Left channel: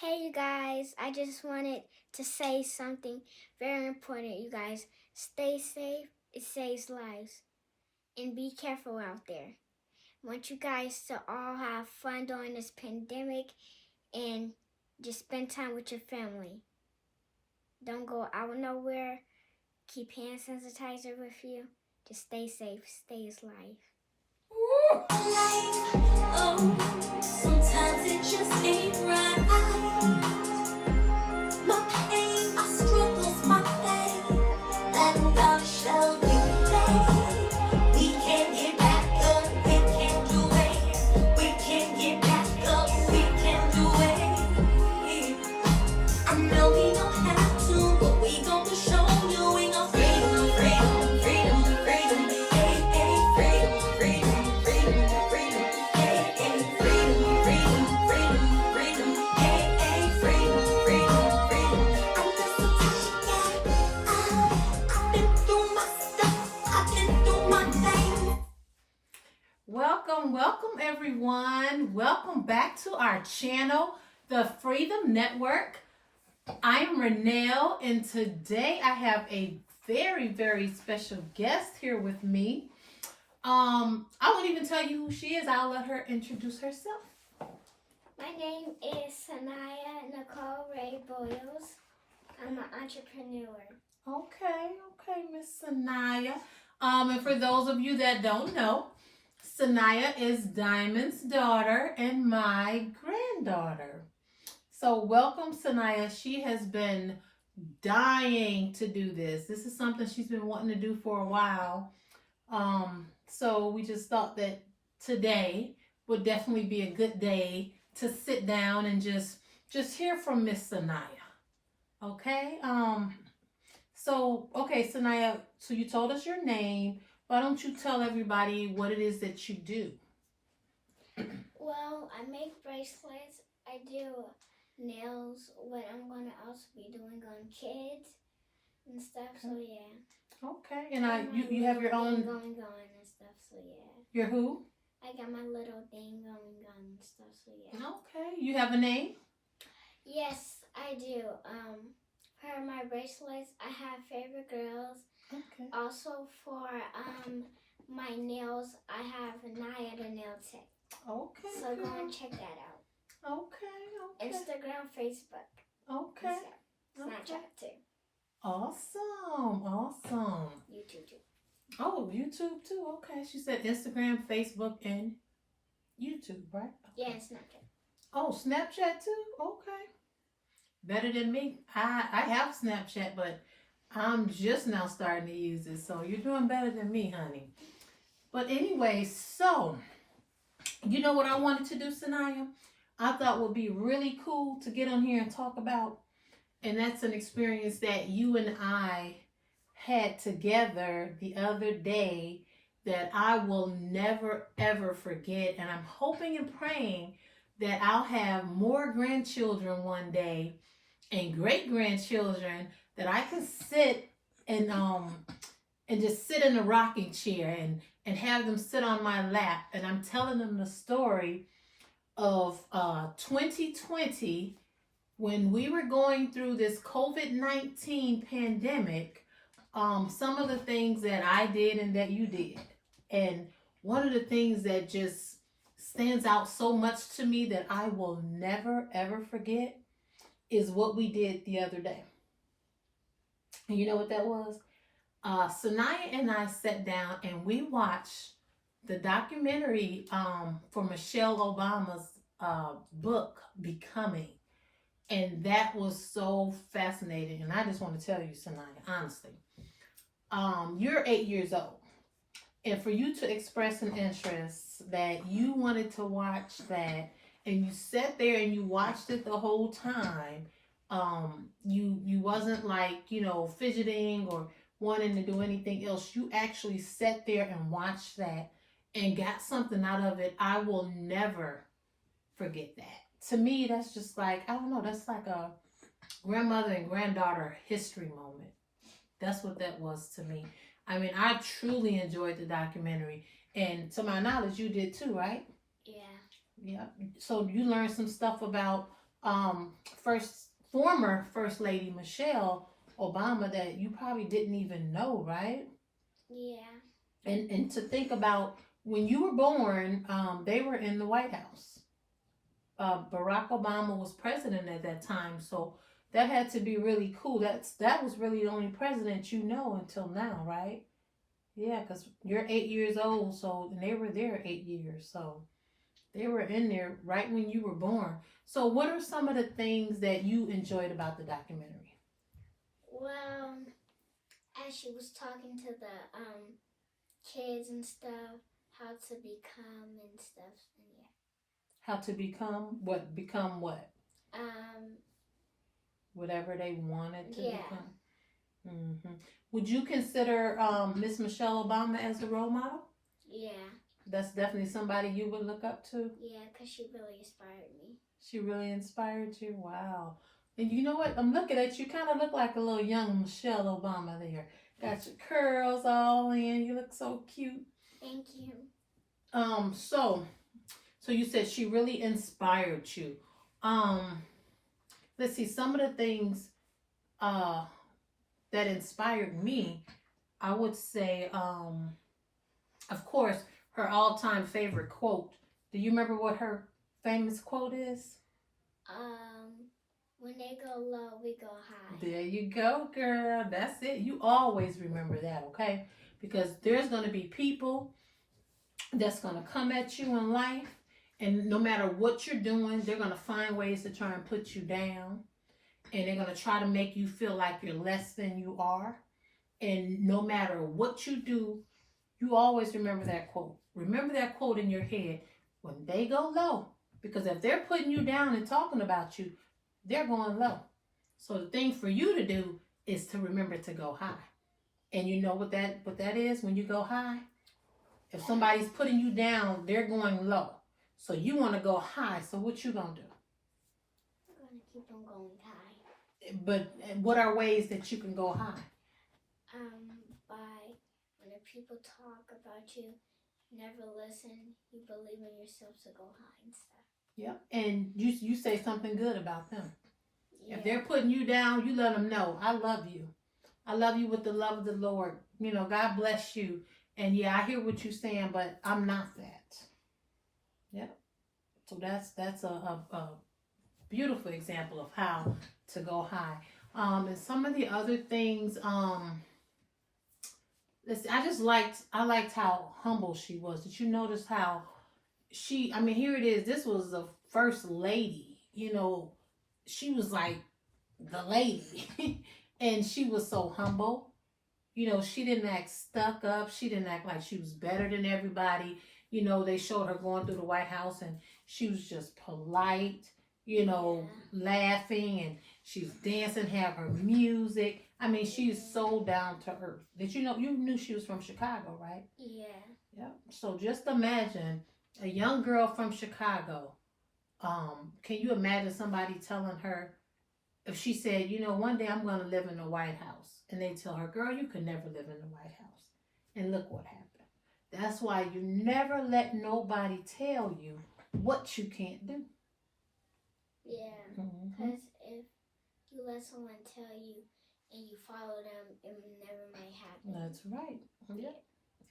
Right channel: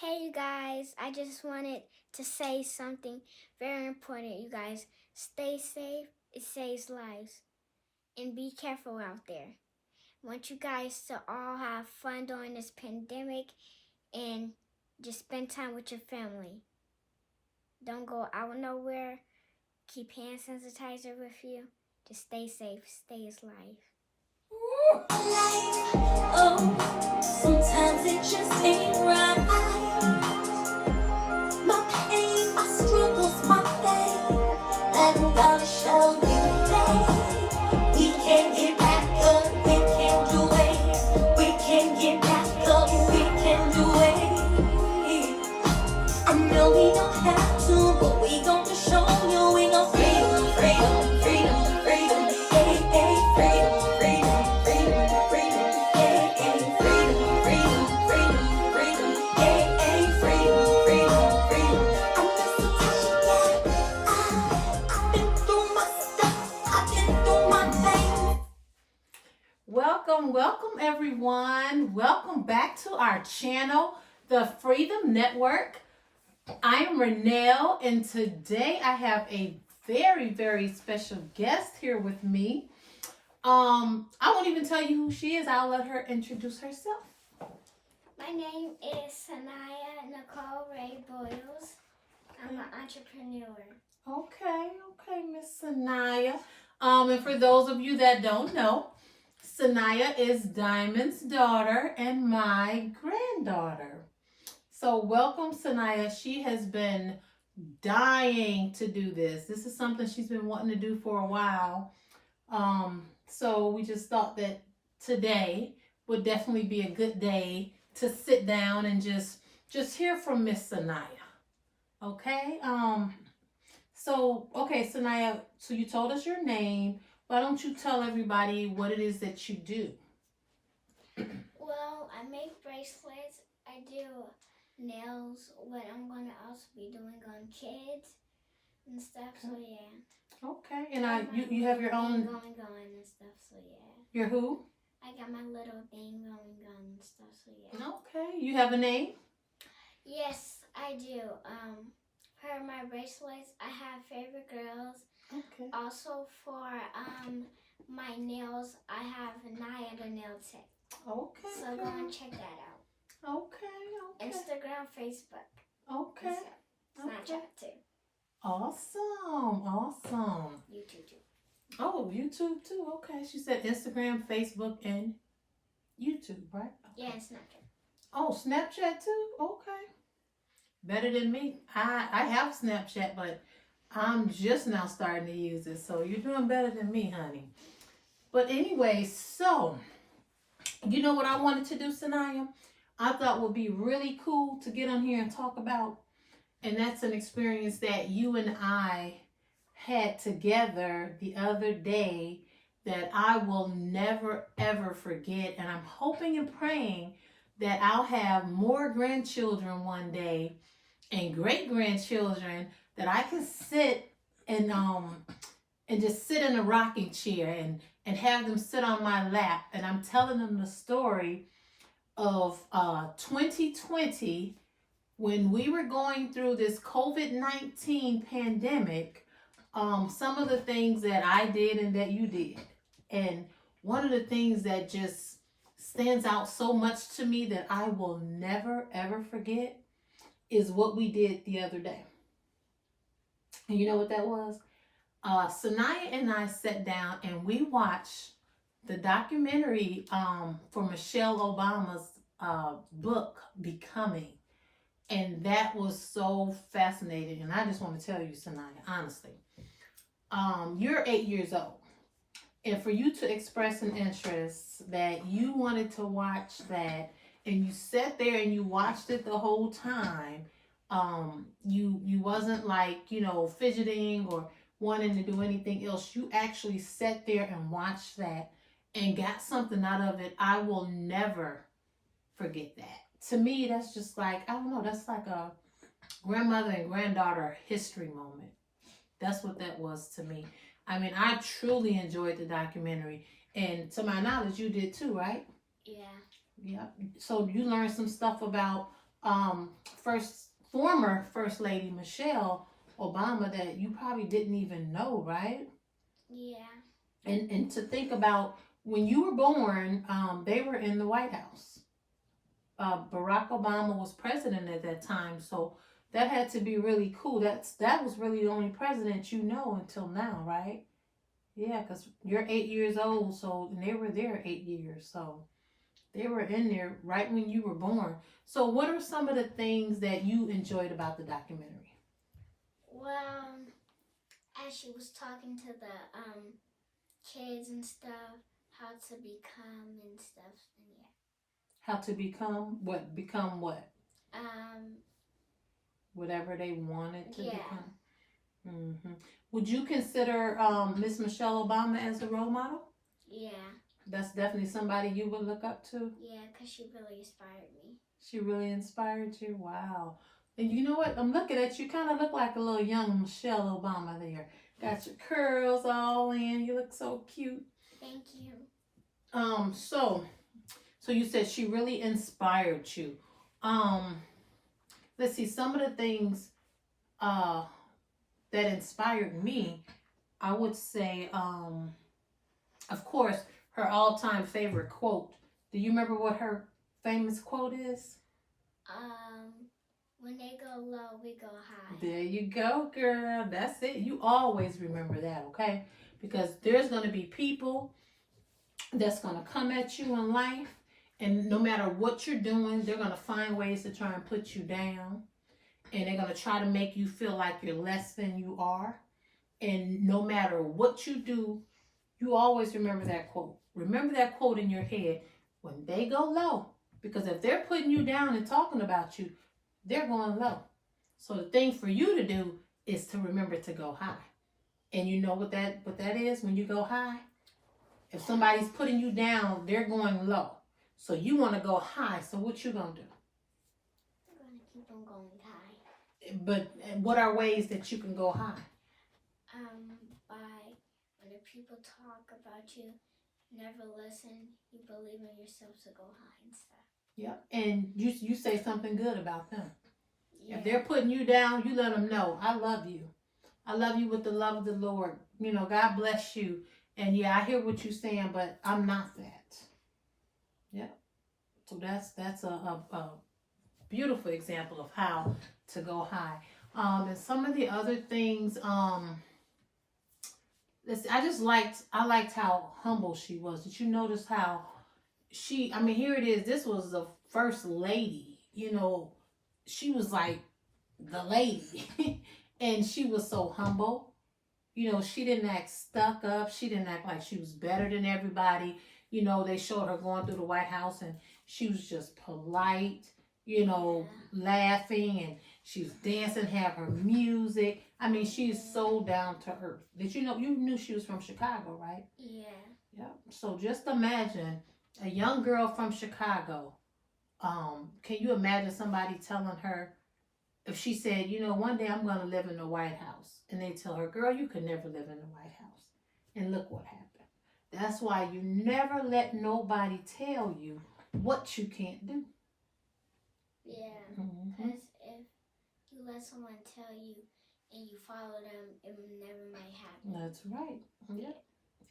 Hey, you guys, I just wanted to say something very important, you guys. Stay safe, it saves lives. And be careful out there. I want you guys to all have fun during this pandemic and just spend time with your family. Don't go out nowhere. Keep hand sanitizer with you. Just stay safe, stays life. Oh, sometimes it just ain't right. My pain, my struggles, my pain. I'm gonna show you today. We can get back up, we can do it. We can get back up, we can do it. I know we don't have to, but we gon' show you we gon' freedom, freedom, freedom, freedom. Hey, hey, freedom, freedom, freedom, freedom. Hey, hey, freedom, freedom, freedom, freedom. Hey, hey, freedom, freedom, freedom. I'm just a I've been through my stuff, I've been through my thing. Welcome everyone. Welcome back to our channel, the Freedom Network. I am Renelle, and today I have a very special guest here with me. I won't even tell you who she is. I'll let her introduce herself. My name is SaNyiah Nicole Ray Boyles. I'm an entrepreneur. Okay, Miss SaNyiah. And for those of you that don't know, SaNyiah is Diamond's daughter and my granddaughter. So welcome, SaNyiah. She has been dying to do this. This is something she's been wanting to do for a while. So we just thought that today would definitely be a good day to sit down and just hear from Miss SaNyiah. Okay. Okay, SaNyiah. So you told us your name. Why don't you tell everybody what it is that you do? Well, I make bracelets. I do nails. What I'm going to also be doing on kids and stuff. So yeah. Okay, and you have your own going and stuff. So yeah. Your who? I got my little thing going and stuff. So yeah. Okay, you have a name? Yes, I do. For my bracelets, I have favorite girls. Okay. Also for my nails, I have Naya the nail tech. Okay. So go and check that out. Okay. Instagram, Facebook. Okay. Snapchat too. Awesome. YouTube too. Oh, YouTube too. Okay. She said Instagram, Facebook, and YouTube, right? Okay. Yeah, and Snapchat. Oh, Snapchat too? Okay. Better than me. I have Snapchat, but I'm just now starting to use it. So you're doing better than me, honey. But anyway, so you know what I wanted to do, SaNyiah? I thought would be really cool to get on here and talk about. And that's an experience that you and I had together the other day that I will never ever forget. And I'm hoping and praying that I'll have more grandchildren one day and great grandchildren that I can sit and just sit in a rocking chair and have them sit on my lap, and I'm telling them the story of 2020 when we were going through this COVID-19 pandemic. Some of the things that I did and that you did, and one of the things that just stands out so much to me that I will never ever forget is what we did the other day. And you know what that was? SaNyiah and I sat down and we watched the documentary for Michelle Obama's book, Becoming. And that was so fascinating. And I just want to tell you, SaNyiah, honestly, you're 8 years old. And for you to express an interest that you wanted to watch that, and you sat there and you watched it the whole time, you wasn't like, fidgeting or wanting to do anything else. You actually sat there and watched that and got something out of it. I will never forget that. To me, that's just like, I don't know, that's like a grandmother and granddaughter history moment. That's what that was to me. I mean, I truly enjoyed the documentary. And to my knowledge, you did too, right? Yeah. Yeah. So you learned some stuff about former First Lady Michelle Obama that you probably didn't even know, right? Yeah. And to think about when you were born, they were in the White House. Barack Obama was president at that time, so that had to be really cool. That was really the only president you know until now, right? Yeah, because you're 8 years old, so and they were there 8 years, so they were in there right when you were born. So, what are some of the things that you enjoyed about the documentary? Well, as she was talking to the kids and stuff, how to become and stuff, and yeah. How to become what? Become what? Whatever they wanted to become. Mm-hmm. Would you consider Miss Michelle Obama as a role model? Yeah. That's definitely somebody you would look up to? Yeah, because she really inspired me. She really inspired you? Wow. And you know what? I'm looking at you. Kind of look like a little young Michelle Obama there. Got your curls all in. You look so cute. Thank you. So you said she really inspired you. Let's see, some of the things that inspired me, I would say, of course, her all-time favorite quote. Do you remember what her famous quote is? When they go low, we go high. There you go, girl. That's it. You always remember that, okay? Because there's going to be people that's going to come at you in life, and no matter what you're doing, they're going to find ways to try and put you down, and they're going to try to make you feel like you're less than you are. And no matter what you do, you always remember that quote. Remember that quote in your head when they go low, because if they're putting you down and talking about you, they're going low. So the thing for you to do is to remember to go high. And you know what that is when you go high? If somebody's putting you down, they're going low. So you want to go high. So what you going to do? I'm going to keep on going high. But what are ways that you can go high? By when the people talk about you, never listen. You believe in yourself to go high and stuff. Yep. And you say something good about them. Yeah. If they're putting you down, you let them know, I love you. I love you with the love of the Lord. You know, God bless you. And yeah, I hear what you're saying, but I'm not that. Yep. So that's a beautiful example of how to go high. And some of the other things, I liked how humble she was. Did you notice how here it is. This was the first lady, you know, she was like the lady and she was so humble. You know, she didn't act stuck up. She didn't act like she was better than everybody. You know, they showed her going through the White House and she was just polite, you know, laughing, and she was dancing, have her music. I mean, she's so down to earth. Did you know, you knew she was from Chicago, right? Yeah. Yep. So just imagine a young girl from Chicago. Can you imagine somebody telling her, if she said, you know, one day I'm going to live in the White House, and they tell her, girl, you could never live in the White House. And look what happened. That's why you never let nobody tell you what you can't do. Yeah. Mm-hmm. Because if you let someone tell you and you follow them, it never might happen. That's right. Yep.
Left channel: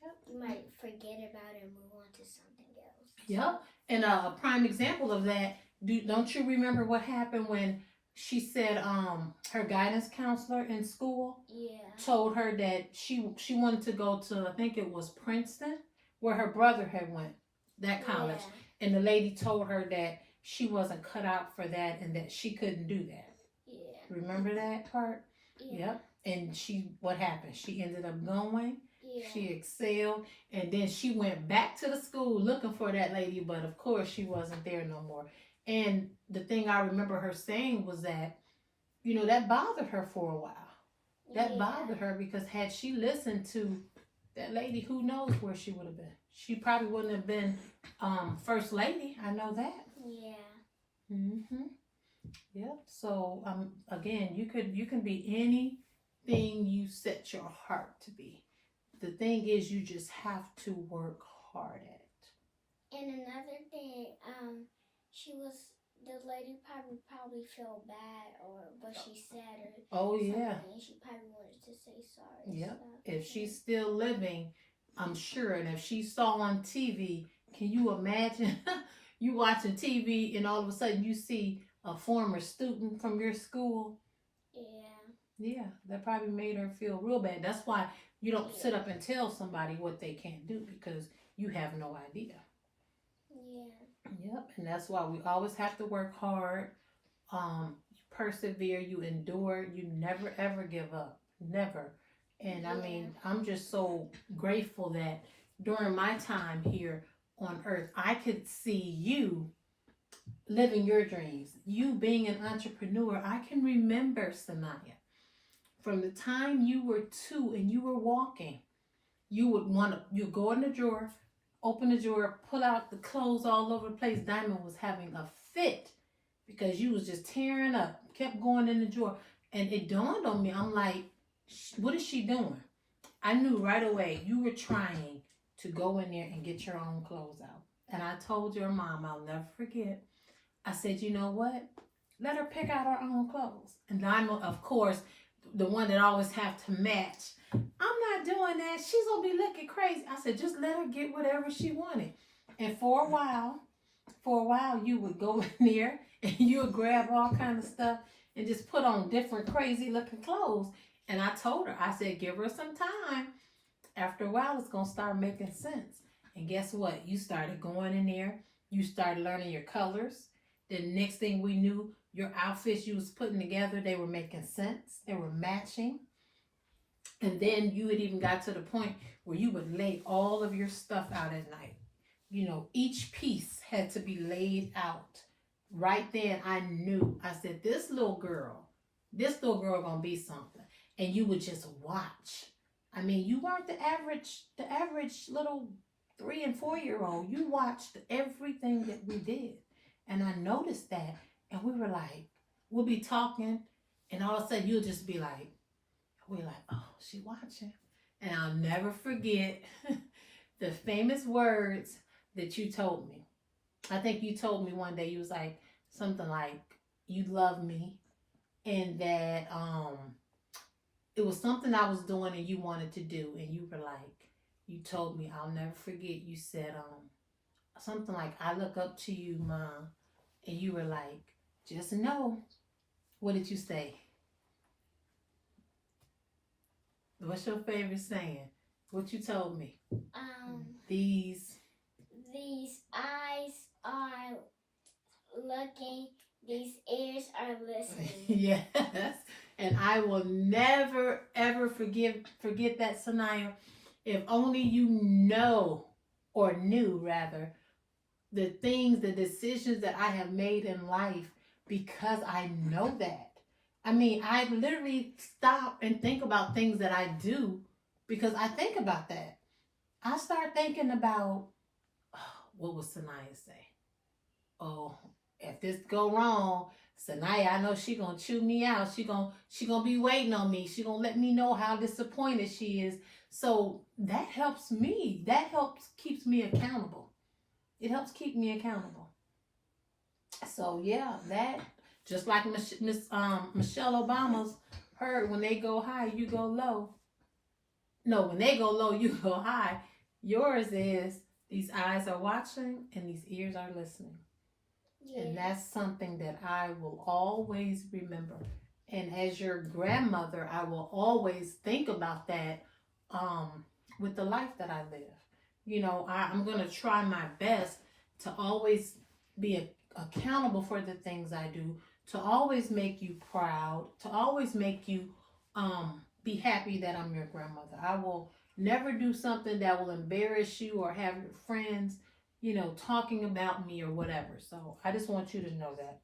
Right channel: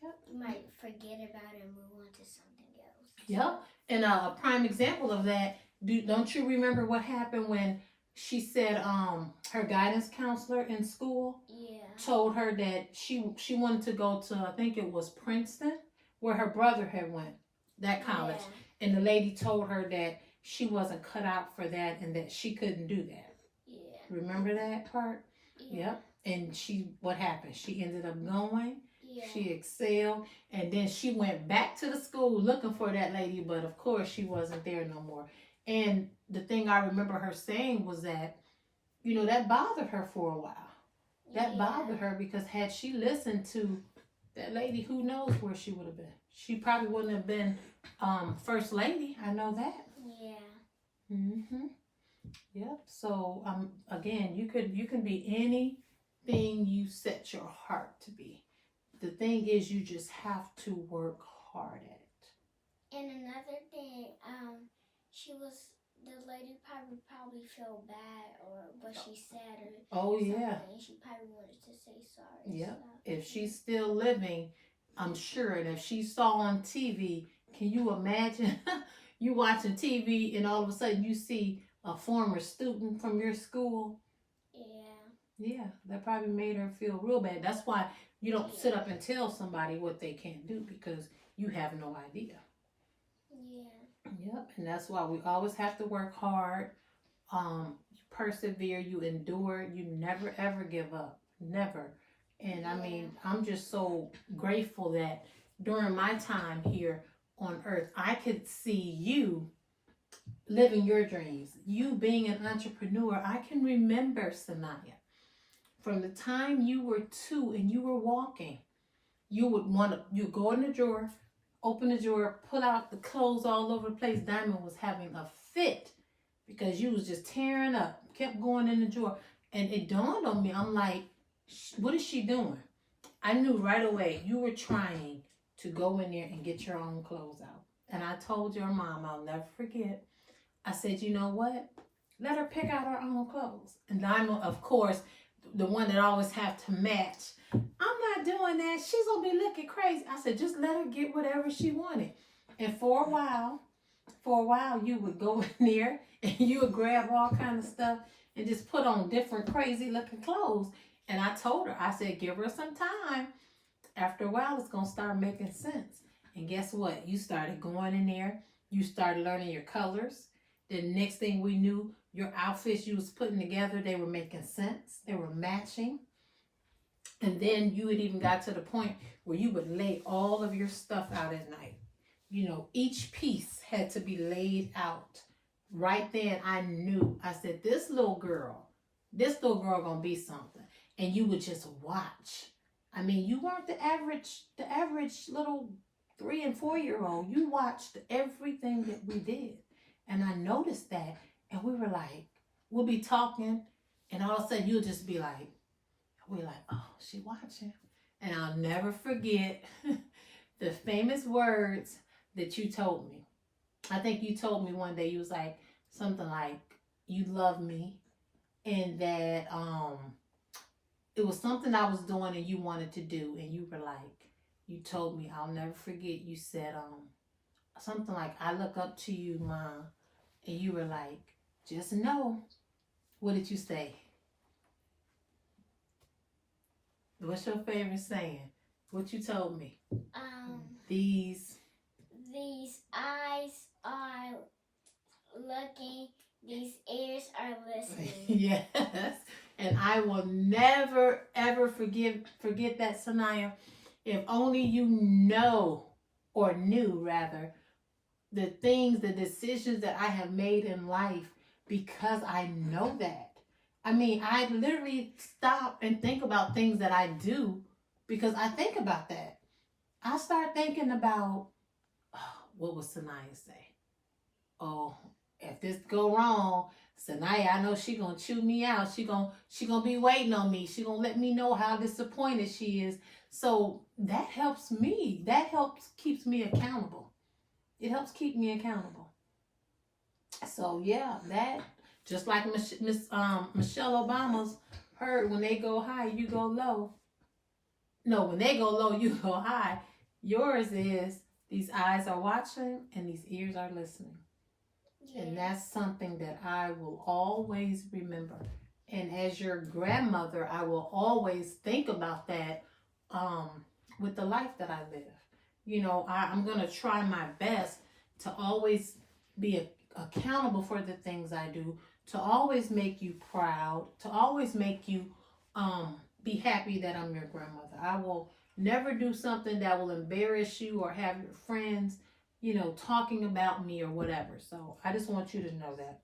Yep. You might forget about it and move on to something else. Yep. And a prime example of that, don't you remember what happened when she said her guidance counselor in school told her that she wanted to go to, I think it was Princeton, where her brother had went, that college. Yeah. And the lady told her that she wasn't cut out for that and that she couldn't do that. Yeah. Remember that part? Yeah. Yep. And what happened? She ended up going. Yeah. She excelled, and then she went back to the school looking for that lady, but of course she wasn't there no more. And the thing I remember her saying was that, you know, that bothered her for a while. That bothered her because had she listened to that lady, who knows where she would have been. She probably wouldn't have been first lady. I know that. Yeah. Mm-hmm. Yep. So again, you can be anything you set your heart to be. The thing is, you just have to work hard at it. And another thing, she was the lady probably felt bad or what she said or Oh yeah. something. She probably wanted to say sorry. Yep. So. If she's still living, I'm sure. And if she saw on TV, can you imagine you watching TV and all of a sudden you see a former student from your school? Yeah. Yeah, that probably made her feel real bad. That's why you don't sit up and tell somebody what they can't do because you have no idea. Yeah. Yep, and that's why we always have to work hard. You persevere, you endure, you never ever give up. Never. And I mean, I'm just so grateful that during my time here on earth, I could see you living your dreams. You being an entrepreneur, I can remember, SaNyiah, from the time you were 2 and you were walking, you would you go in the drawer, open the drawer, pull out the clothes all over the place. Diamond was having a fit because you was just tearing up, kept going in the drawer. And it dawned on me, I'm like, what is she doing? I knew right away you were trying to go in there and get your own clothes out. And I told your mom, I'll never forget, I said, you know what? Let her pick out her own clothes. And Diamond, of course, the one that always have to match. I'm not doing that. She's going to be looking crazy. I said, just let her get whatever she wanted. And for a while, you would go in there and you would grab all kinds of stuff and just put on different crazy looking clothes. And I told her, I said, give her some time. After a while, it's going to start making sense. And guess what? You started going in there. You started learning your colors. The next thing we knew, your outfits you was putting together, they were making sense. They were matching. And then you had even got to the point where you would lay all of your stuff out at night. You know, each piece had to be laid out. Right then, I knew. I said, this little girl gonna be something. And you would just watch. I mean, you weren't the average little 3 and 4 year old. You watched everything that we did. And I noticed that. And we were like, we'll be talking. And all of a sudden, you'll just be like, we're like, oh, she watching. And I'll never forget the famous words that you told me. I think you told me one day, you was like, something like, you love me. And that it was something I was doing and you wanted to do. And you were like, you told me, I'll never forget, you said something like, I look up to you, Mom. And you were like, just know. What did you say? What's your favorite saying? What you told me? These eyes are looking, these ears are listening. Yes. And I will never, ever forget that, SaNyiah. If only you know, or knew rather, the things, the decisions that I have made in life because I know that. I mean, I literally stop and think about things that I do because I think about that. I start thinking about, oh, what would SaNyiah say? Oh, if this go wrong, SaNyiah, I know she gonna chew me out. She gonna be waiting on me. She gonna let me know how disappointed she is. So that helps me. That keeps me accountable. It helps keep me accountable. So yeah, that just like Michelle Obama's heard, when they go high, you go low. No, when they go low, you go high. Yours is these eyes are watching and these ears are listening. Yeah. And that's something that I will always remember. And as your grandmother, I will always think about that with the life that I live. You know, I'm going to try my best to always be accountable for the things I do, to always make you proud, to always make you be happy that I'm your grandmother. I will never do something that will embarrass you or have your friends, you know, talking about me or whatever. So I just want you to know that.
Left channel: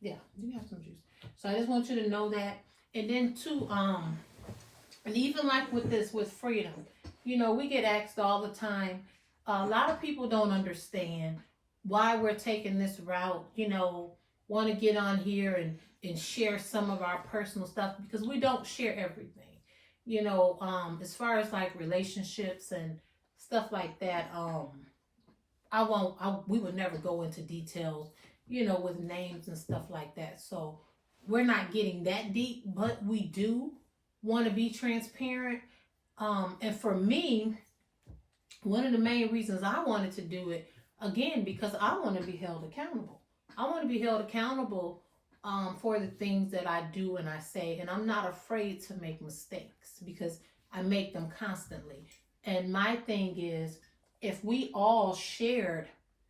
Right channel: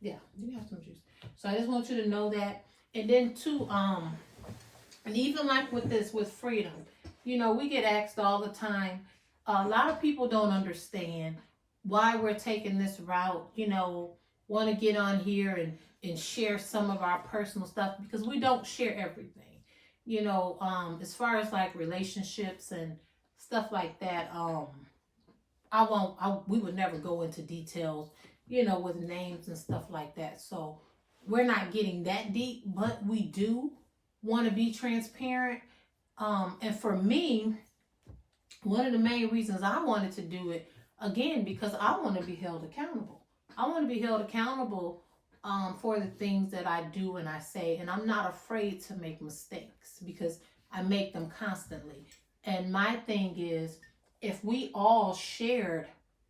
Yeah, you have some juice. So I just want you to know that. And then too, and even like with this, with freedom, you know, we get asked all the time, a lot of people don't understand why we're taking this route, you know, want to get on here and share some of our personal stuff because we don't share everything. You know, as far as like relationships and stuff like that, we would never go into details with names and stuff like that. So we're not getting that deep, but we do want to be transparent. And for me, one of the main reasons I wanted to do it, again, because I want to be held accountable. I want to be held accountable for the things that I do and I say. And I'm not afraid to make mistakes because I make them constantly. And my thing is, if we all shared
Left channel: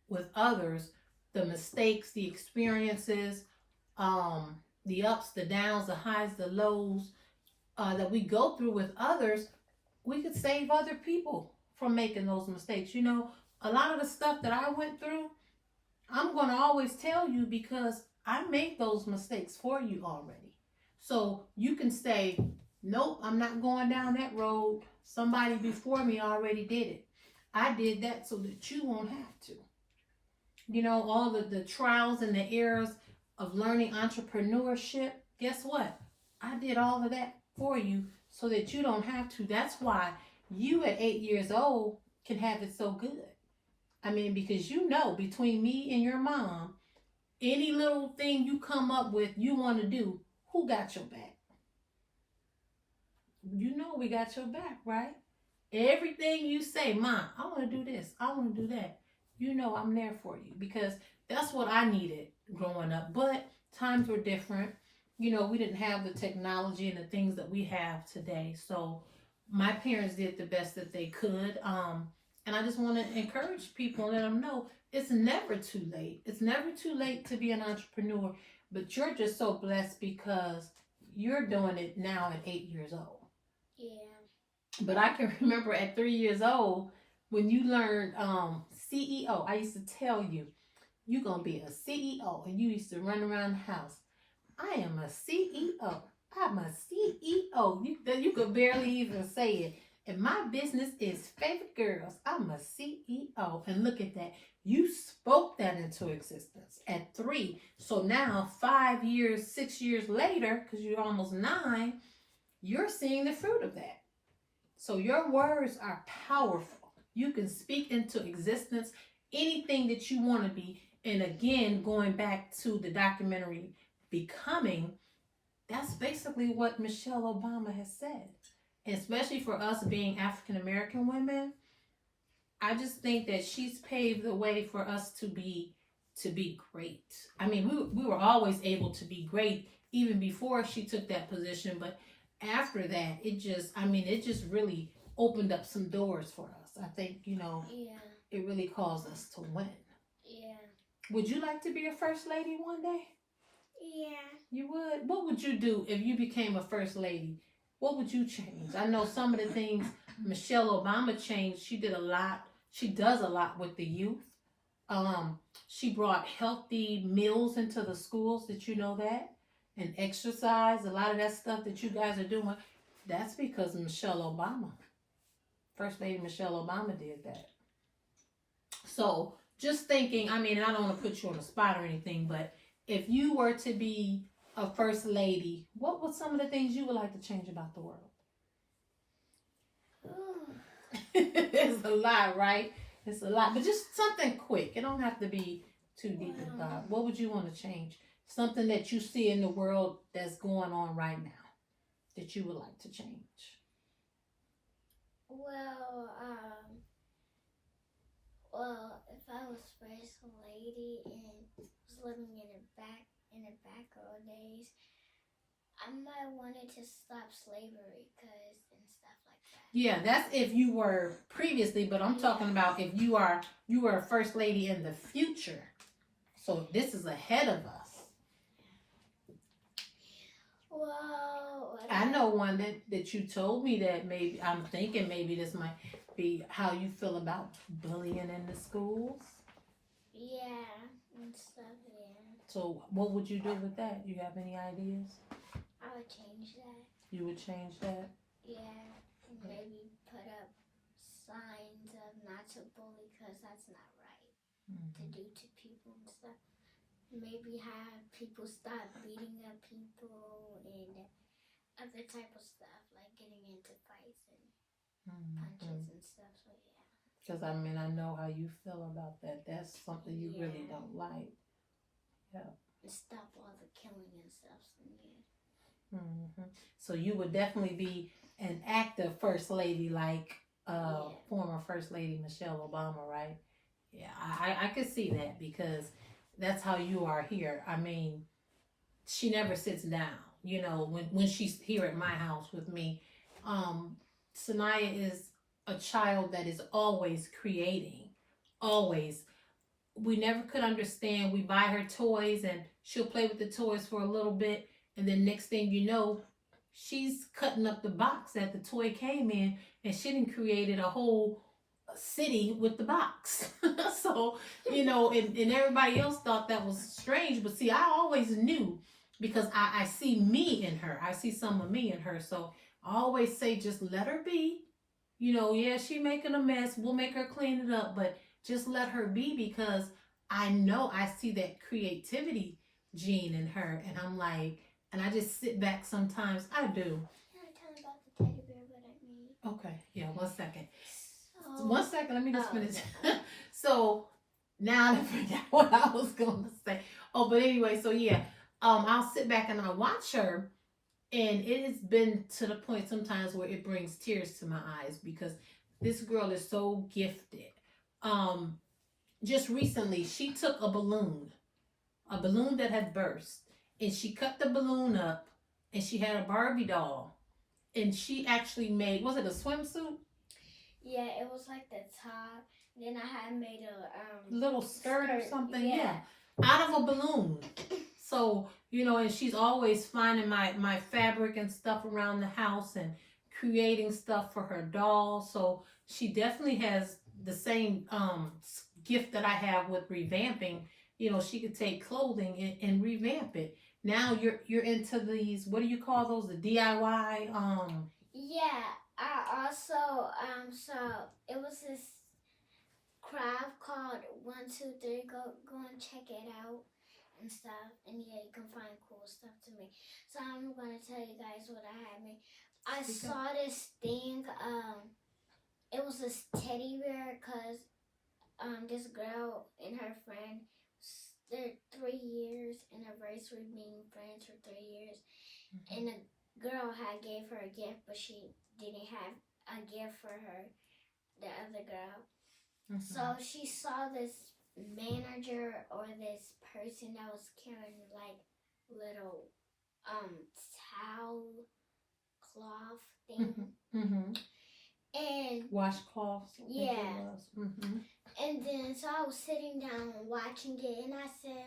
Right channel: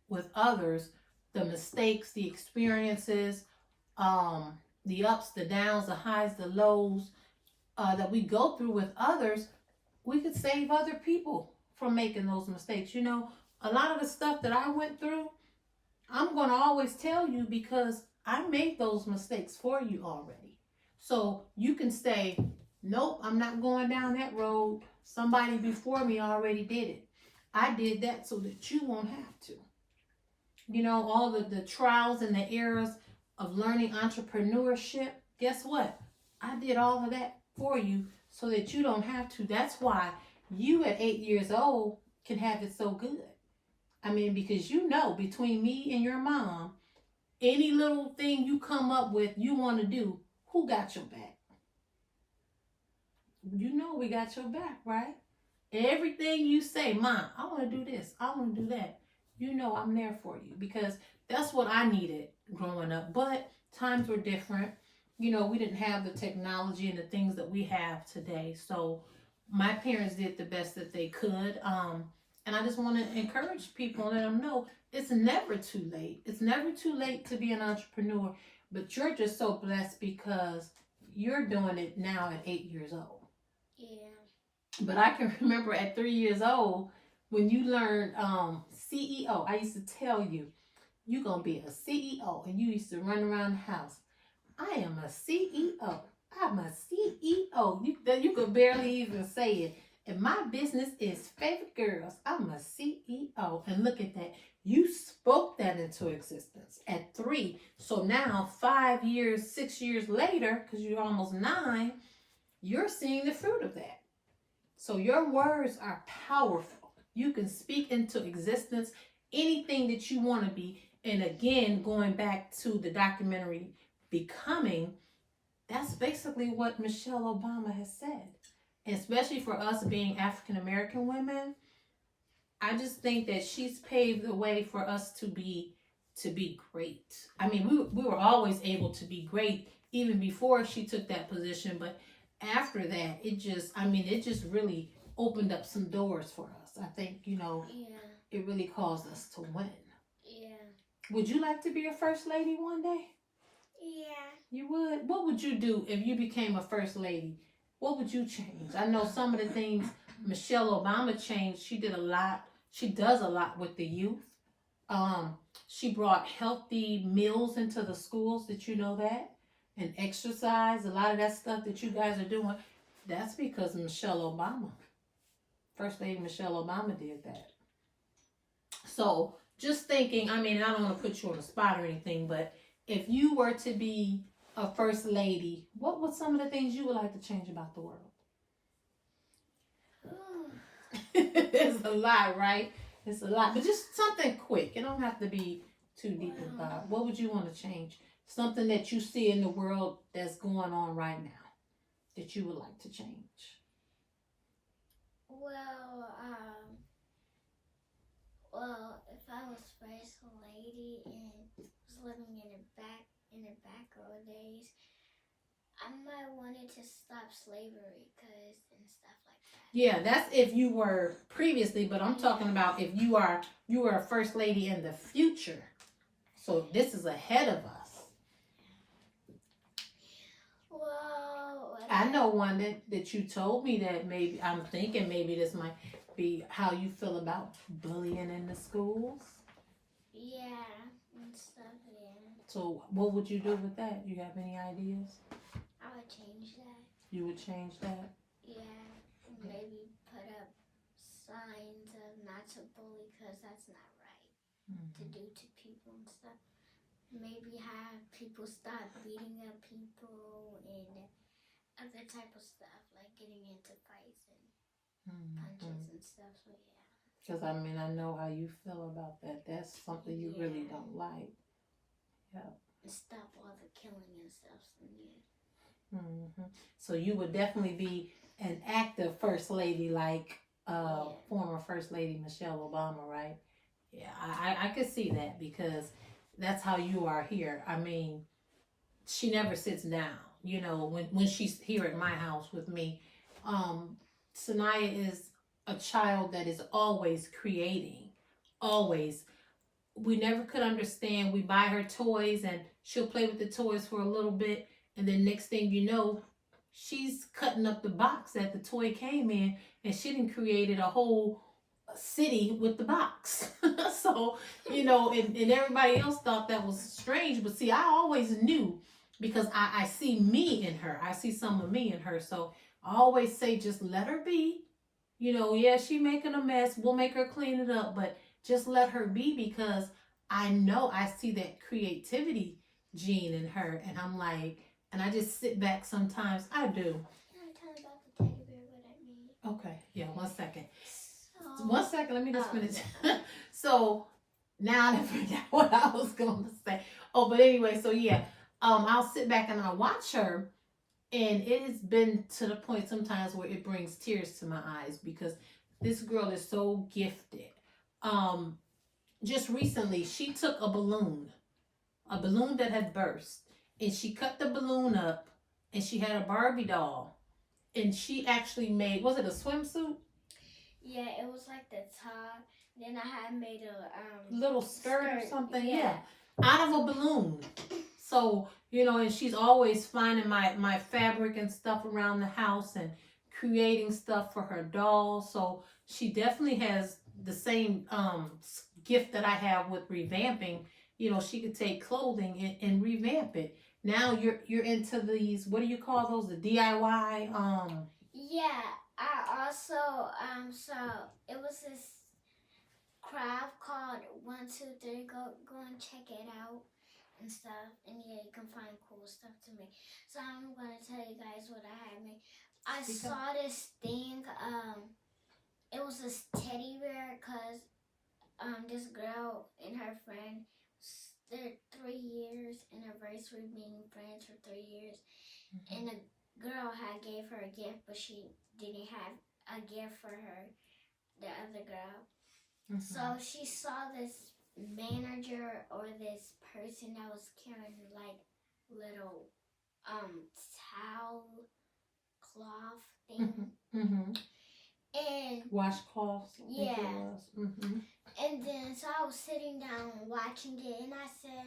with others the mistakes, the experiences, the ups, the downs, the highs, the lows that we go through with others, we could save other people from making those mistakes. A lot of the stuff that I went through, I'm going to always tell you because I made those mistakes for you already. So you can say, nope, I'm not going down that road. Somebody before me already did it. I did that so that you won't have to. All the trials and the errors of learning entrepreneurship, guess what? I did all of that for you so that you don't have to. That's why you at 8 years old can have it so good. Because between me and your mom, any little thing you come up with you want to do, who got your back? We got your back, right? Everything you say, Mom, I want to do this, I want to do that. I'm there for you because that's what I needed growing up. But times were different. We didn't have the technology and the things that we have today. So my parents did the best that they could. And I just want to encourage people and let them know it's never too late. It's never too late to be an entrepreneur. But you're just so blessed because you're doing it now at 8 years old. Yeah. But I can remember at 3 years old when you learned CEO. I used to tell you, you're going to be a CEO. And you used to run around the house. I am a CEO. I'm a CEO. You could barely even say it. And my business is Favorite Girls. I'm a CEO. And look at that. You spoke that into existence at 3. So now 5 years, 6 years later, because you're almost 9, you're seeing the fruit of that. So your words are powerful. You can speak into existence anything that you want to be. And again, going back to the documentary Becoming, that's basically what Michelle Obama has said. And especially for us being African American women, I just think that she's paved the way for us to be great. We were always able to be great even before she took that position, but after that, it just really opened up some doors for us. I think, it really caused us to win. Yeah. Would you like to be a first lady one day? Yeah. You would? What would you do if you became a first lady? What would you change? I know some of the things Michelle Obama changed. She did a lot. She does a lot with the youth. She brought healthy meals into the schools. Did you know that? And exercise, a lot of that stuff that you guys are doing, that's because of Michelle Obama. First Lady Michelle Obama did that. So just thinking, I don't want to put you on the spot or anything, but if you were to be a first lady, what were some of the things you would like to change about the world? It's a lot, right? It's a lot, but just something quick. It don't have to be too deep in thought. What would you want to change? Something that you see in the world that's going on right now that you would like to change? Well, if I was first lady and was living in the back old days, I might wanted to stop slavery and stuff like that. Yeah, that's if you were previously, but I'm talking about if you were a first lady in the future. So this is ahead of us. Well, I know one that you told me that maybe I'm thinking maybe this might be how you feel about bullying in the schools. Yeah, and stuff, yeah. So what would you do with that? You have any ideas? I would change that. You would change that? Yeah, maybe put up signs of not to bully because that's not right to do to people and stuff. Maybe have people stop beating up people and other type of stuff, like getting into fights and punches and stuff. So yeah. Because I know how you feel about that. That's something you really don't like. Yeah. And stop all the killing and stuff. So you would definitely be an active first lady, like former First Lady Michelle Obama, right? Yeah, I could see that because that's how you are here. I mean, she never sits down. You know, when she's here at my house with me, SaNyiah is a child that is always creating, always. We never could understand. We buy her toys and she'll play with the toys for a little bit, and then next thing you know, she's cutting up the box that the toy came in, and she done created a whole city with the box. So, you know, and everybody else thought that was strange, but see, I always knew because I see me in her. I see some of me in her. So I always say, just let her be. You know, yeah, she making a mess. We'll make her clean it up, but just let her be because I know I see that creativity gene in her, and I'm like, and I just sit back sometimes. I do. Can I tell you about the teddy bear, what I mean? Okay, yeah, 1 second. So, 1 second, let me just finish. So now I forgot what I was going to say. Oh, but anyway, so yeah, I'll sit back and I'll watch her, and it has been to the point sometimes where it brings tears to my eyes because this girl is so gifted. Just recently, she took a balloon that had burst, and she cut the balloon up, and she had a Barbie doll, and she actually made, was it a swimsuit? Yeah, it was like the top. Then I had made a little skirt or something, yeah, out of a balloon. So, you know, and she's always finding my fabric and stuff around the house and creating stuff for her doll. So she definitely has the same gift that I have with revamping. You know, she could take clothing and revamp it. Now you're into these, what do you call those? The DIY Yeah, I also so it was this craft called 123. Go and check it out and stuff. And yeah, you can find cool stuff to make. So I'm gonna tell you guys what I had made. I saw this thing. It was this teddy bear because this girl and her friend, their 3 years anniversary being friends for 3 years, and the girl had gave her a gift, but she didn't have a gift for her, the other girl. So she saw this manager or this person that was carrying like little towel cloth thing. And washcloths. yeah. And then so I was sitting down watching it, and I said,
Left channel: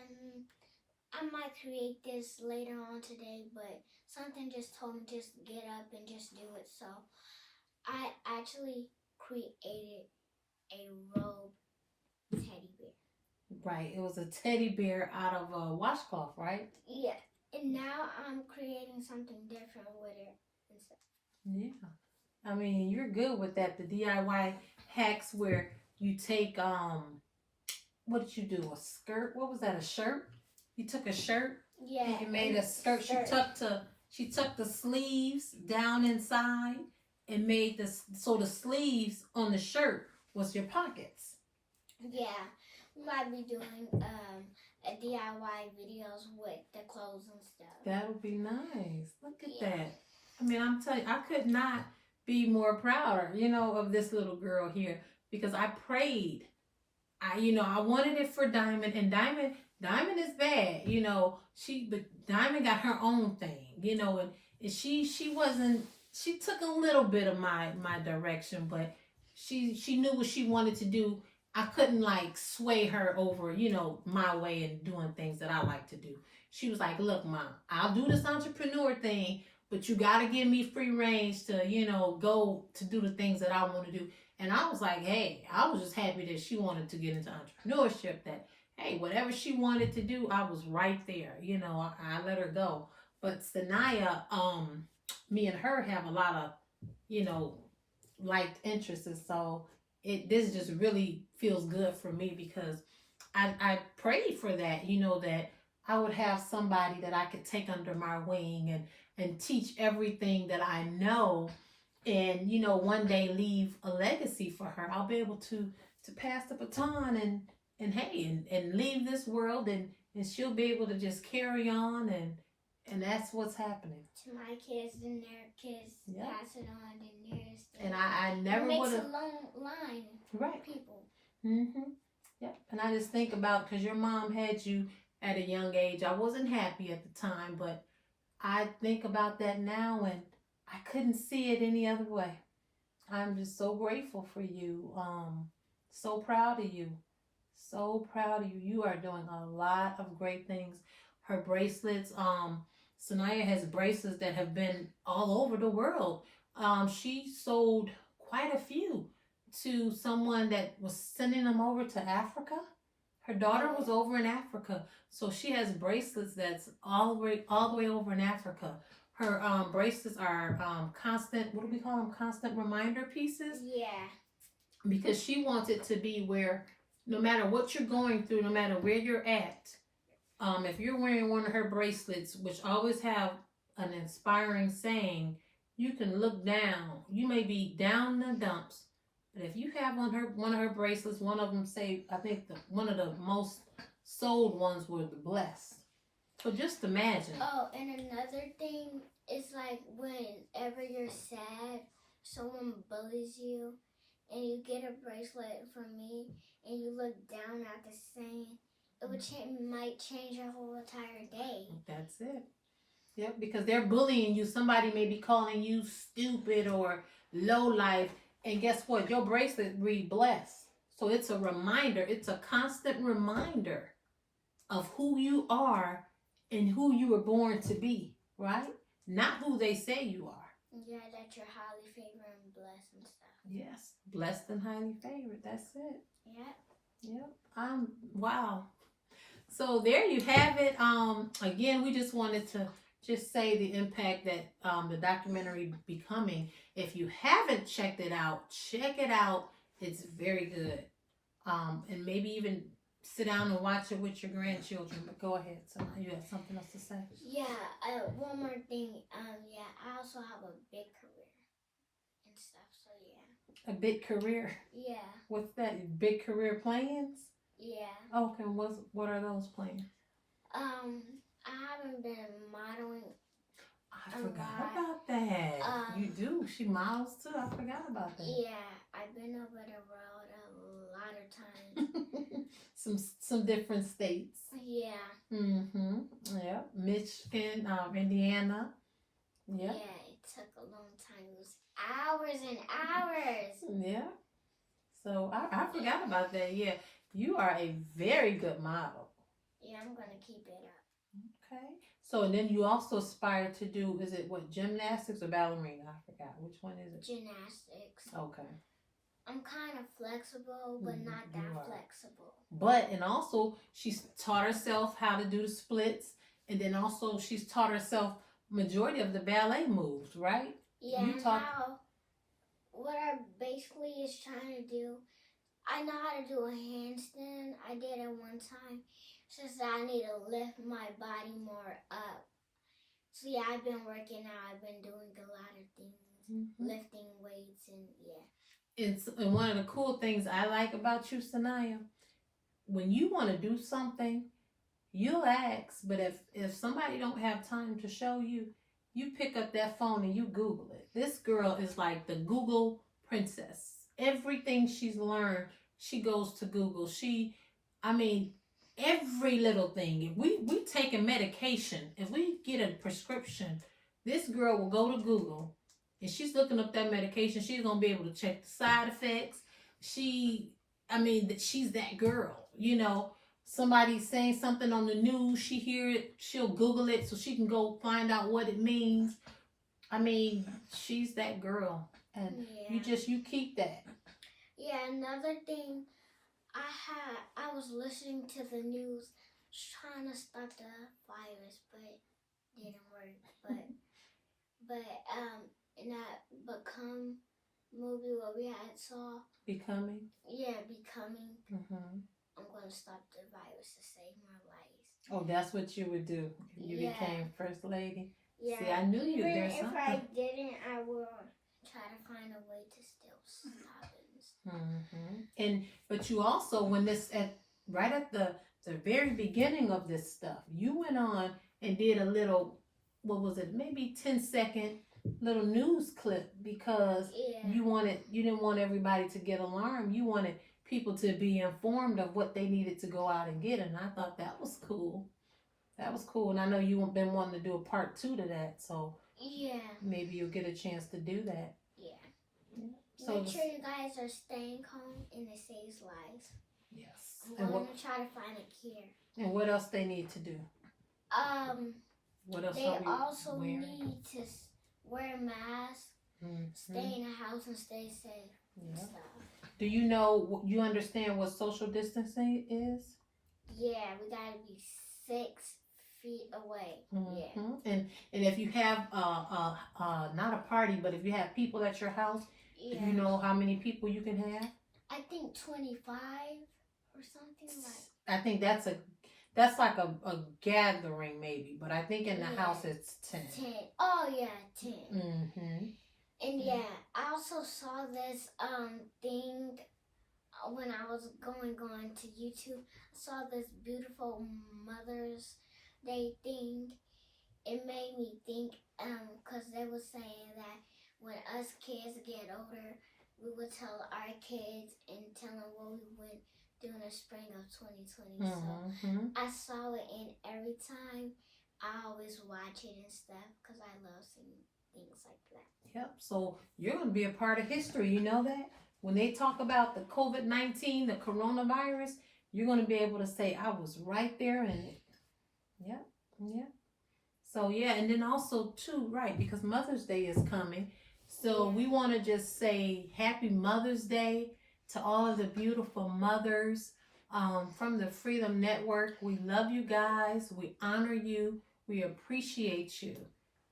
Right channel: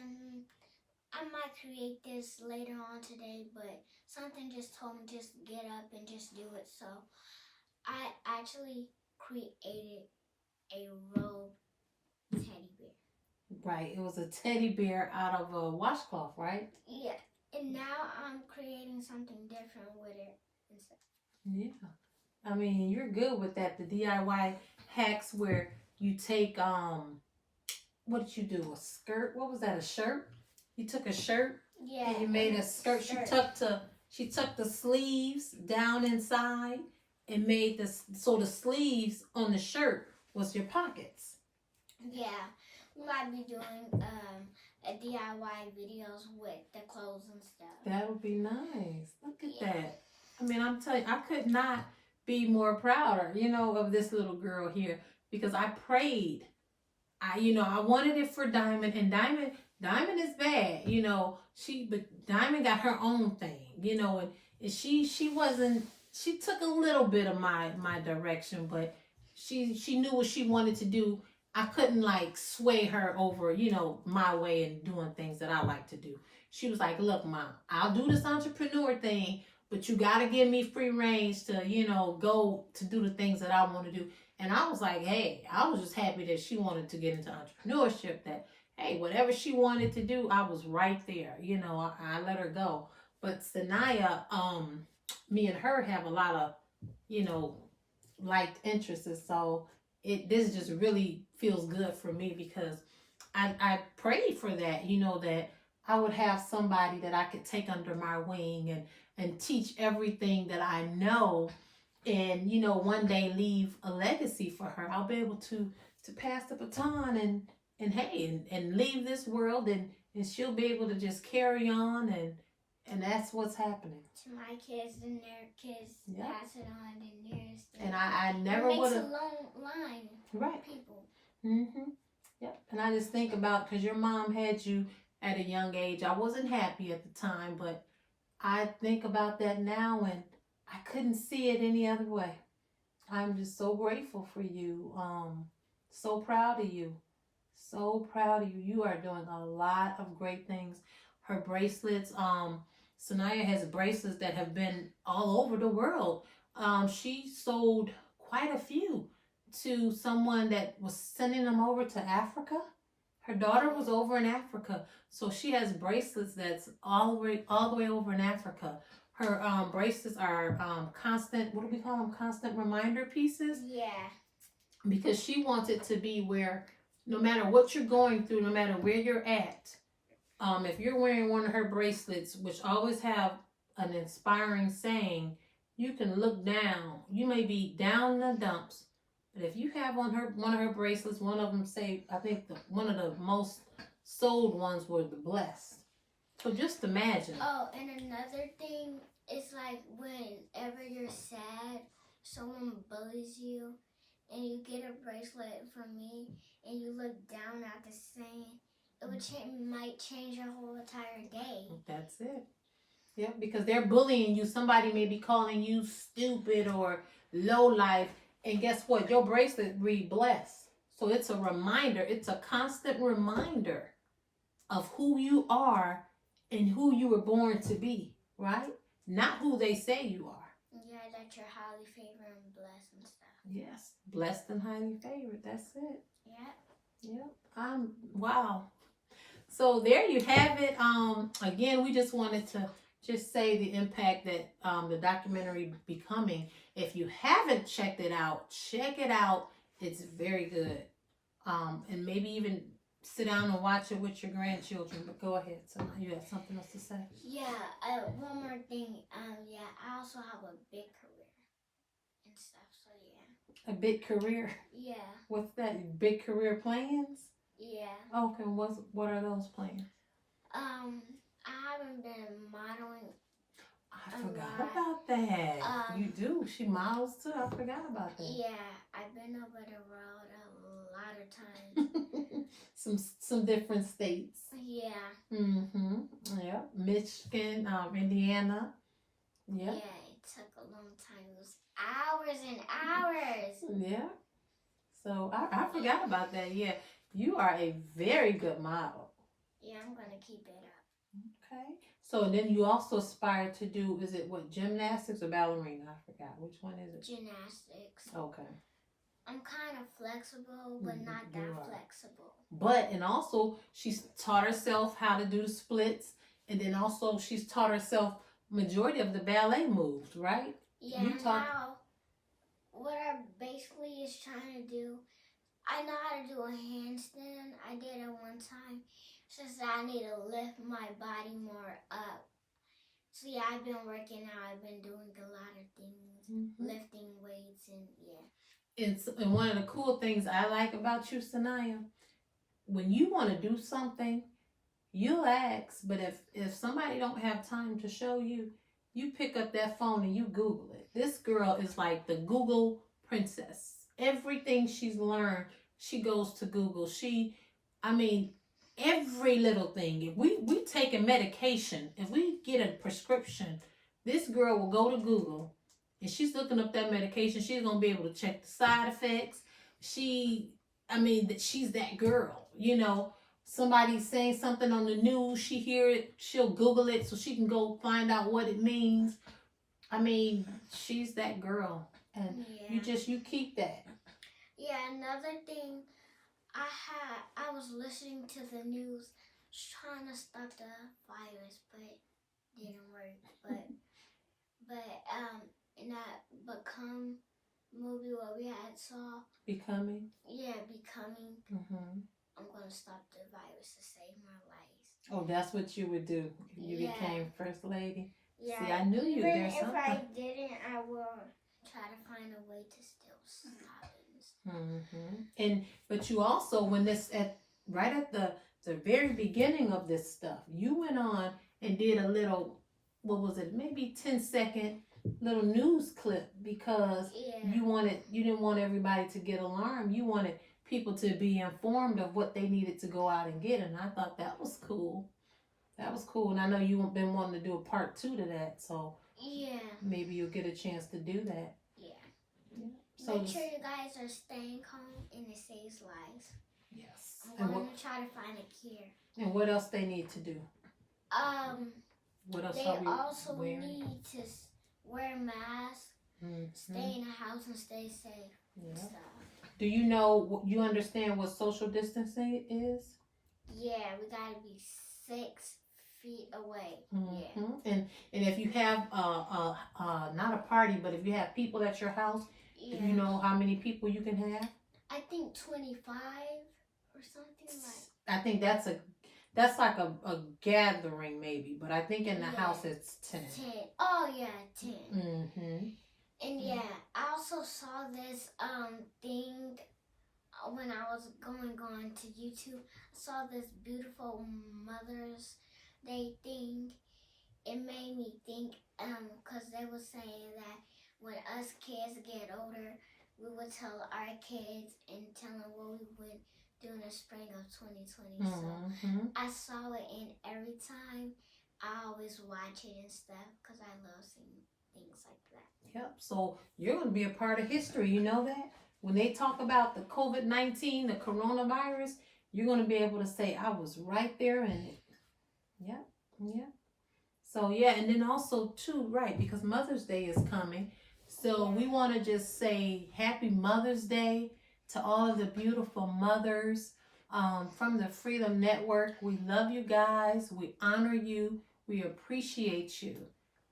I might create this later on today, but something just told me just get up and just do it. So I actually created a robe teddy bear. Right, it was a teddy bear out of a washcloth, right? Yeah, and now I'm creating something different with it and stuff. Yeah, I mean, you're good with that. The DIY hacks where you take what did you do? A skirt? What was that? A shirt? You took a shirt. Yeah. And you made a skirt. She tucked the sleeves down inside and made the sleeves on the shirt was your pockets. Yeah, we might be doing a DIY videos with the clothes and stuff. That would be nice. Look at that. I mean, I'm telling you, I could not be more prouder, you know, of this little girl here because I prayed. I wanted it for Diamond, and Diamond is bad, you know. But Diamond got her own thing, you know, and she took a little bit of my direction, but she knew what she wanted to do. I couldn't like sway her over, you know, my way and doing things that I like to do. She was like, look, Mom, I'll do this entrepreneur thing, but you got to give me free range to, you know, go to do the things that I want to do. And I was like, hey, I was just happy that she wanted to get into entrepreneurship, that, hey, whatever she wanted to do, I was right there. You know, I let her go. But SaNyiah, me and her have a lot of, you know, liked interests. And so this just really feels good for me because I prayed for that, you know, that I would have somebody that I could take under my wing and teach everything that I know, and, you know, one day leave a legacy for her. I'll be able to pass the baton and leave this world and and she'll be able to just carry on, and that's what's happening. To my kids and their kids Yeah. pass it on and theirs. And I never it makes would a have. long line Right. of people. Mm-hmm. Yep. And I just think about, because your mom had you at a young age. I wasn't happy at the time, but I think about that now, and I couldn't see it any other way. I'm just so grateful for you. So proud of you. So proud of you. You are doing a lot of great things. Her bracelets, SaNyiah has bracelets that have been all over the world. She sold quite a few to someone that was sending them over to Africa. Her daughter was over in Africa, so she has bracelets that's all the way over in Africa. Her bracelets are constant. What do we call them? Constant reminder pieces. Yeah. Because she wants it to be where, no matter what you're going through, no matter where you're at, if you're wearing one of her bracelets, which always have an inspiring saying, you can look down. You may be down in the dumps, but if you have one of her bracelets, one of them say, I think one of the most sold ones were the blessed. So just imagine. Oh, and another thing is like whenever you're sad, someone bullies you, and you get a bracelet from me, and you look down at the saying, it might change your whole entire day. That's it. Yep, because they're bullying you. Somebody may be calling you stupid or low life, and guess what? Your bracelet read blessed. So it's a reminder. It's a constant reminder of who you are and who you were born to be, right? Not who they say you are. Yeah, that you're highly favored and blessed and stuff. Yes, blessed and highly favored. That's it. Yep. Yep. Wow. So there you have it. Again, we just wanted to just say the impact that the documentary Becoming. If you haven't checked it out, check it out. It's very good. And maybe even sit down and watch it with your grandchildren. But go ahead. So you have something else to say? Yeah. One more thing. Yeah, I also have a big career and stuff. So yeah. A big career. Yeah. What's that? Big career plans? Yeah. Okay. What are those plans? I haven't been modeling. I forgot about that. You do. She models too. I forgot about that. Yeah, I've been over the road a lot of times. some different states. Yeah. Mm-hmm. Yeah. Michigan, Indiana. Yeah. Yeah, it took a long time. It was hours and hours. Yeah. So I forgot about that. Yeah. You are a very good model. Yeah, I'm gonna keep it up. Okay. So, and then you also aspire to do, is it what, gymnastics or ballerina? I forgot. Which one is it? Gymnastics. Okay. I'm kind of flexible, but not that flexible. But, and also, she's taught herself how to do the splits. And then also, she's taught herself majority of the ballet moves, right? Yeah, now, what I basically is trying to do, I know how to do a handstand. I did it one time. Since I need to lift my body more up. So yeah, I've been working out. I've been doing a lot of things, lifting weights, and yeah. And one of the cool things I like about you, SaNyiah, when you want to do something, you'll ask. But if somebody don't have time to show you, you pick up that phone and you Google it. This girl is like the Google princess. Everything she's learned, she goes to Google. Every little thing. If we take a medication, if we get a prescription, this girl will go to Google and she's looking up that medication. She's gonna be able to check the side effects. She's that girl. You know, somebody's saying something on the news, she hear it, she'll Google it so she can go find out what it means. She's that girl, and you keep that. Yeah, another thing. I was listening to the news, trying to stop the virus, but it didn't work. But in that Become movie what we had saw. Becoming. Yeah, Becoming. I'm gonna stop the virus to save my life. Oh, that's what you would do if you became first lady. Yeah. See, I knew you. Even There's if something. I didn't, I will try to find a way to still stop it. But you also, when right at the the very beginning of this stuff. You went on and did a little, what was it, maybe 10-second little news clip because you didn't want everybody to get alarmed. You wanted people to be informed of what they needed to go out and get, and I thought that was cool. That was cool, and I know you've been wanting to do a part 2 to that, so maybe you'll get a chance to do that. So make sure you guys are staying calm and it saves lives. Yes. I'm going to try to find a cure. And what else they need to do? What else they also wearing? need to wear masks, stay in the house, and stay safe. And stuff. Do you understand what social distancing is? Yeah, we gotta be 6 feet away. Yeah. And if you have not a party, but if you have people at your house, do you know how many people you can have? I think 25 or something like. I think that's like a gathering maybe, but I think in the house it's 10. 10. Oh yeah, 10. Mm-hmm. And I also saw this thing when I was going to YouTube. I saw this beautiful Mother's Day thing. It made me think, because they were saying that when us kids get older, we would tell our kids and tell them what we would do in the spring of 2020. So I saw it, and every time I always watch it and stuff because I love seeing things like that. Yep. So you're going to be a part of history. You know that? When they talk about the COVID-19, the coronavirus, you're going to be able to say, I was right there in it. Yep. Yeah. So, and then also, too, right, because Mother's Day is coming. So we want to just say Happy Mother's Day to all of the beautiful mothers from the Freedom Network. We love you guys. We honor you. We appreciate you.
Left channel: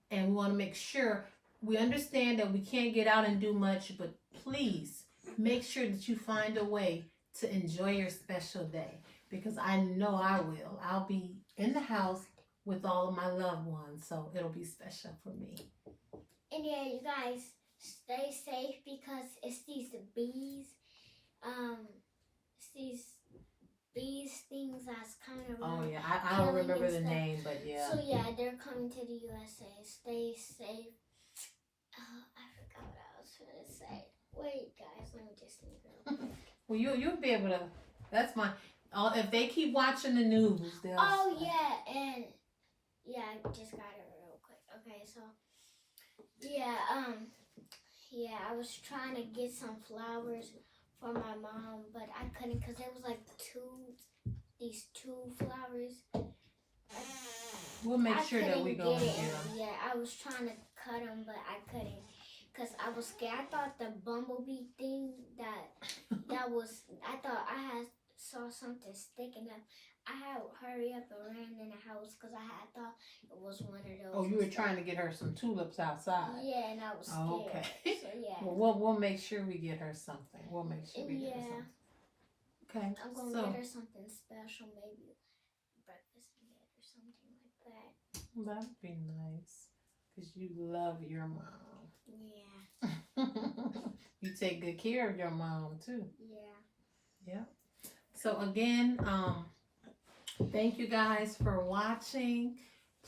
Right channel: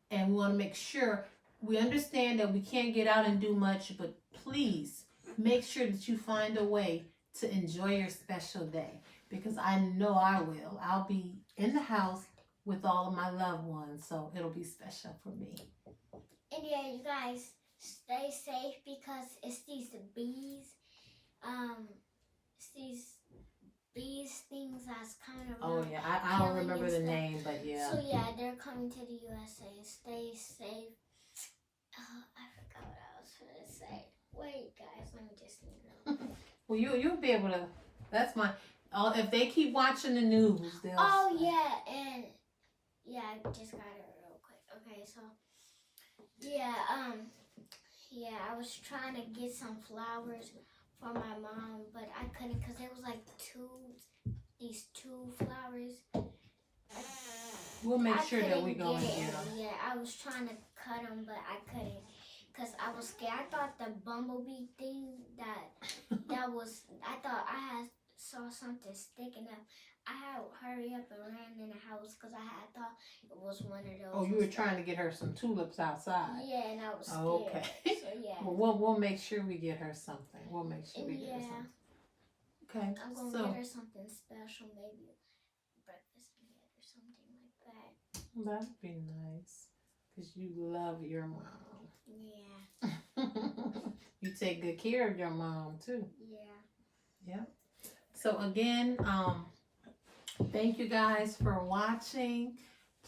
And we want to make sure we understand that we can't get out and do much, but please make sure that you find a way to enjoy your special day, because I know I will. I'll be in the house with all of my loved ones, so it'll be special for me. And you guys stay safe because it's these bees. It's these bees things that's kind of I don't remember the name, but So they're coming to the USA. Stay safe. I forgot what I was going to say. Wait, guys, let me just think real quick. Well, you'll be able to. That's my. If they keep watching the news, they'll. Oh and I just got it real quick. Okay, so I was trying to get some flowers for my mom, but I couldn't because there was like these two flowers. We'll make sure that we go and get them. Yeah, I was trying to cut them, but I couldn't because I was scared. I thought the bumblebee thing I thought I had saw something sticking up. I had hurry up and ran in the house because I had thought it was one of those. Oh, you were trying to get her some tulips outside. Yeah, and I was scared. Okay. So Well, we'll make sure we get her something. We'll make sure we get her something. Okay. I'm gonna get her something special, maybe breakfast meat or something like that. That'd be nice, because you love your mom. Yeah. You take good care of your mom too. Yeah. So again, thank you guys for watching.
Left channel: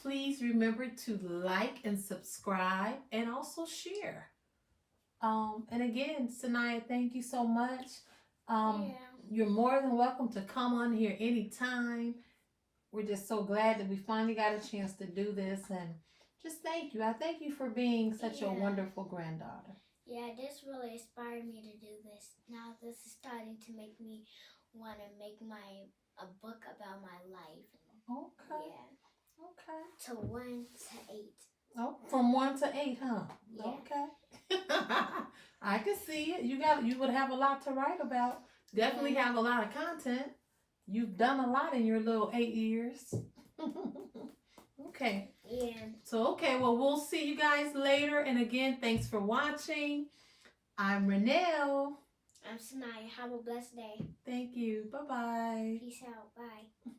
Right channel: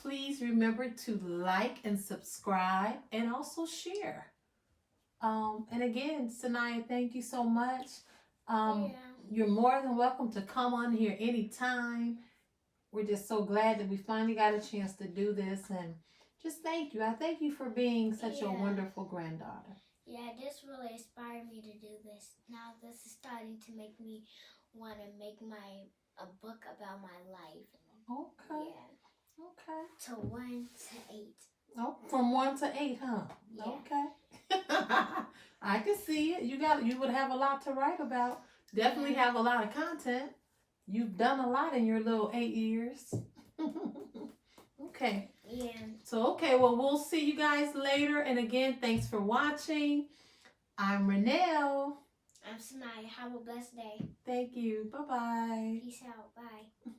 Please remember to like and subscribe and also share. And again, SaNyiah, thank you so much. You're more than welcome to come on here anytime. We're just so glad that we finally got a chance to do this, and just thank you. I thank you for being such a wonderful granddaughter. Yeah, this really inspired me to do this. Now this is starting to make me want to make a book about my life. Okay. Yeah. Okay. To 1 to 8. Oh, from 1 to 8, huh? Yeah. Okay. I can see it. You would have a lot to write about. Definitely have a lot of content. You've done a lot in your little 8 years. Okay. Yeah. So, well, we'll see you guys later. And again, thanks for watching. I'm Renelle. I'm SaNyiah. Have a blessed day. Thank you. Bye-bye. Peace out. Bye.